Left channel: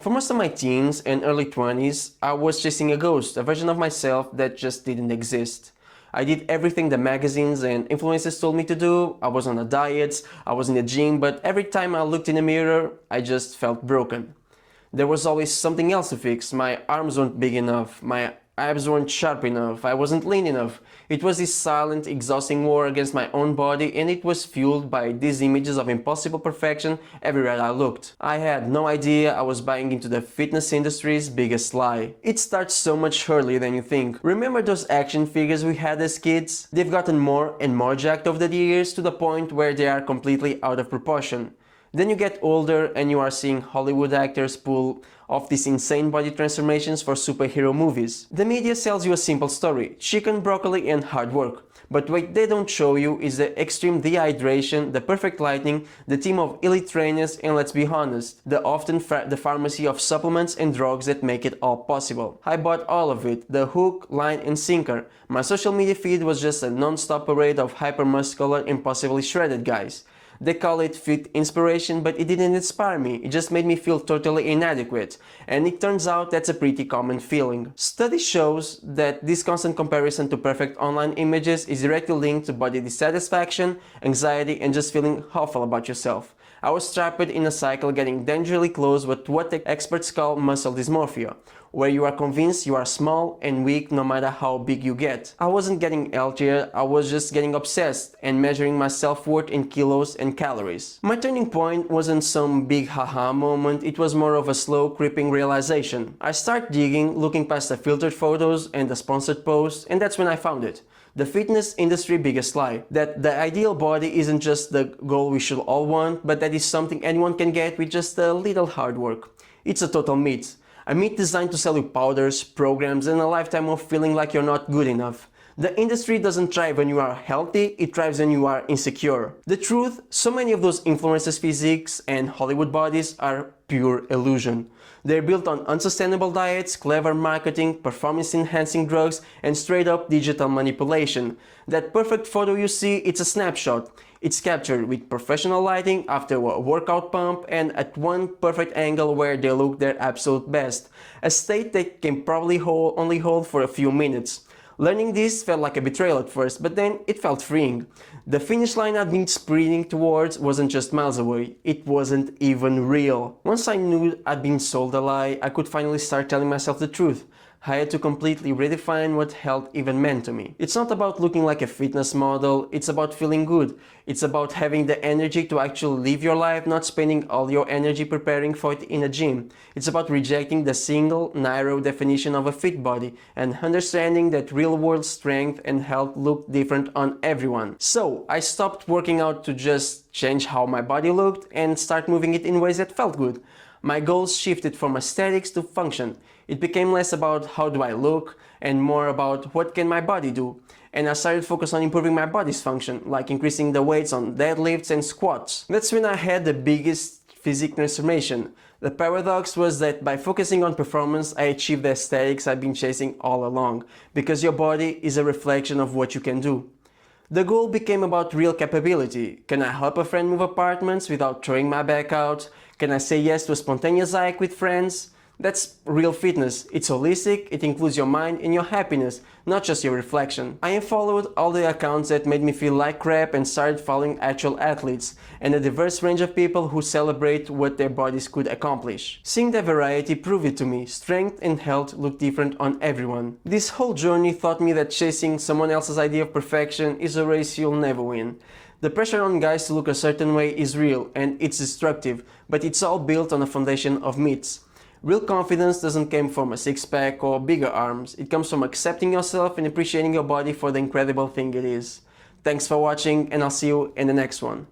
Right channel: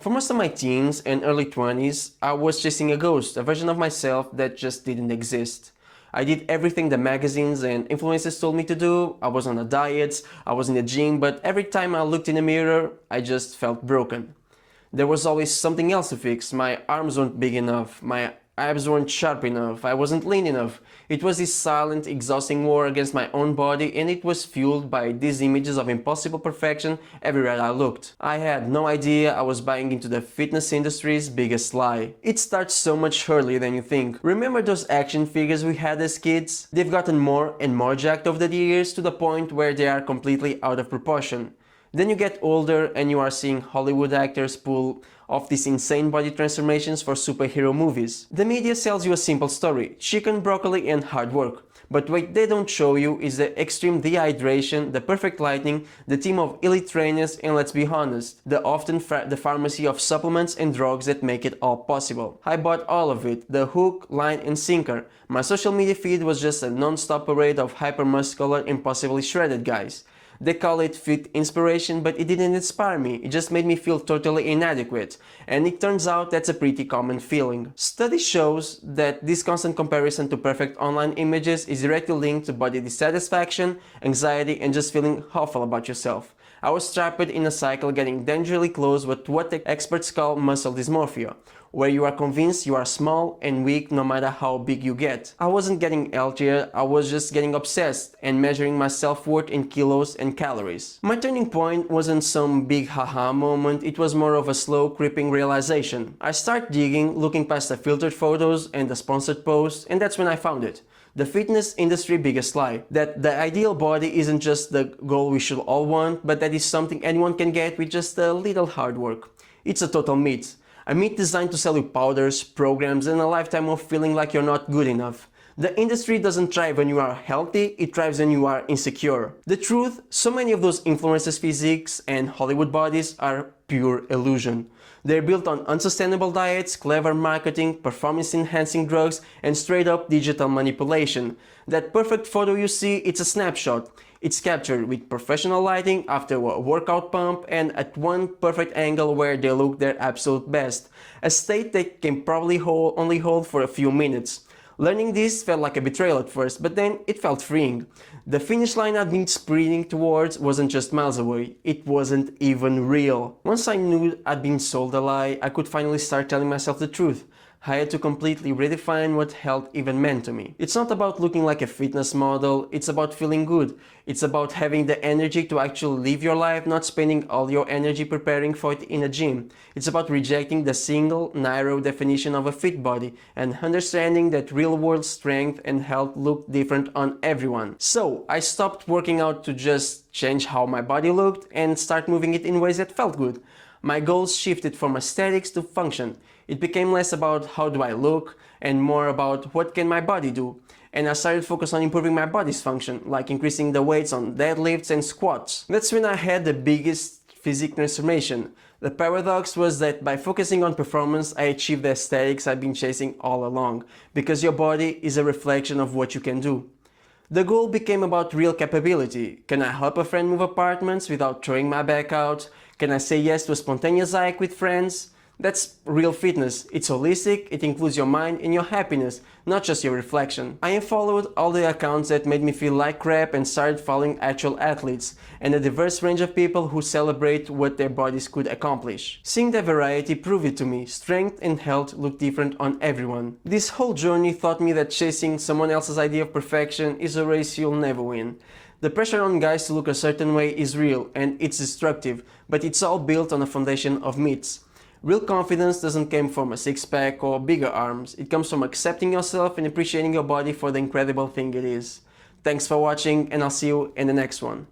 For most of my teens and early 20s, I was chasing a ghost, a version of myself that just didn't exist. I did everything the magazines and influencers told me to do. I was on a diet, I was in the gym, but every time I looked in the mirror, I just felt broken. There was always something else to fix. My arms weren't big enough, my abs weren't sharp enough, I wasn't lean enough. It was this silent, exhausting war against my own body, and it was fueled by these images of impossible perfection everywhere I looked. I had no idea I was buying into the fitness industry's biggest lie. It starts so much earlier than you think. Remember those action figures we had as kids? They've gotten more and more jacked over the years to the point where they are completely out of proportion. Then you get older and you are seeing Hollywood actors pull off these insane body transformations for superhero movies. The media sells you a simple story, chicken, broccoli and hard work. But what they don't show you is the extreme dehydration, the perfect lighting, the team of elite trainers, and let's be honest, the pharmacy of supplements and drugs that make it all possible. I bought all of it, the hook, line and sinker. My social media feed was just a non-stop parade of hyper-muscular, impossibly shredded guys. They call it fit inspiration, but it didn't inspire me, it just made me feel totally inadequate. And it turns out that's a pretty common feeling. Study shows that this constant comparison to perfect online images is directly linked to body dissatisfaction, anxiety, and just feeling awful about yourself. I was trapped in a cycle getting dangerously close with what the experts call muscle dysmorphia, where you are convinced you are small and weak no matter how big you get. I wasn't getting healthier, I was just getting obsessed and measuring my self-worth in kilos and calories. My turning point wasn't some big haha moment, it was more of a slow creeping realization. I started digging, looking past the filtered photos and the sponsored posts, and that's when I found it. The fitness industry biggest lie, that the ideal body isn't just the goal we should all want, but that is something anyone can get with just a little hard work. It's a total myth. A myth designed to sell you powders, programs, and a lifetime of feeling like you're not good enough. The industry doesn't thrive when you are healthy, it thrives when you are insecure. The truth, so many of those influencers' physiques and Hollywood bodies are pure illusion. They're built on unsustainable diets, clever marketing, performance-enhancing drugs, and straight-up digital manipulation. That perfect photo you see, it's a snapshot. It's captured with professional lighting after a workout pump and at one perfect angle where they look their absolute best. A state they can probably only hold for a few minutes. Learning this felt like a betrayal at first, but then it felt freeing. The finish line I'd been sprinting towards wasn't just miles away, it wasn't even real. Once I knew I'd been sold a lie, I could finally start telling myself the truth. I had to completely redefine what health even meant to me. It's not about looking like a fitness model, it's about feeling good. It's about having the energy to actually live your life, not spending all your energy preparing for it in a gym. It's about rejecting the single, narrow definition of a fit body and understanding that real-world strength and health look different on everyone. So, I stopped working out to just change how my body looked and start moving it in ways that felt good. My goals shifted from aesthetics to function. It became less about how do I look and more about what can my body do. And I started focus on improving my body's function, like increasing the weights on deadlifts and squats. That's when I had the biggest physique transformation. The paradox was that by focusing on performance, I achieved the aesthetics I've been chasing all along, because your body is a reflection of what you can do. The goal became about real capability. Can I help a friend move apartments without throwing my back out? Can I say yes to a spontaneous hike with friends? That's real fitness. It's holistic, it includes your mind and your happiness, not just your reflection. I unfollowed all the accounts that made me feel like crap and started following actual athletes and a diverse range of people who celebrate what their bodies could accomplish. Seeing the variety proved it to me, strength and health look different on everyone. This whole journey taught me that chasing someone else's idea of perfection is a race you'll never win. The pressure on guys to look a certain way is real and it's destructive, but it's all built on a foundation of myths. Real confidence doesn't come from a six-pack or bigger arms, it comes from accepting yourself and appreciating your body for the incredible thing it is. Thanks for watching and I'll see you in the next one.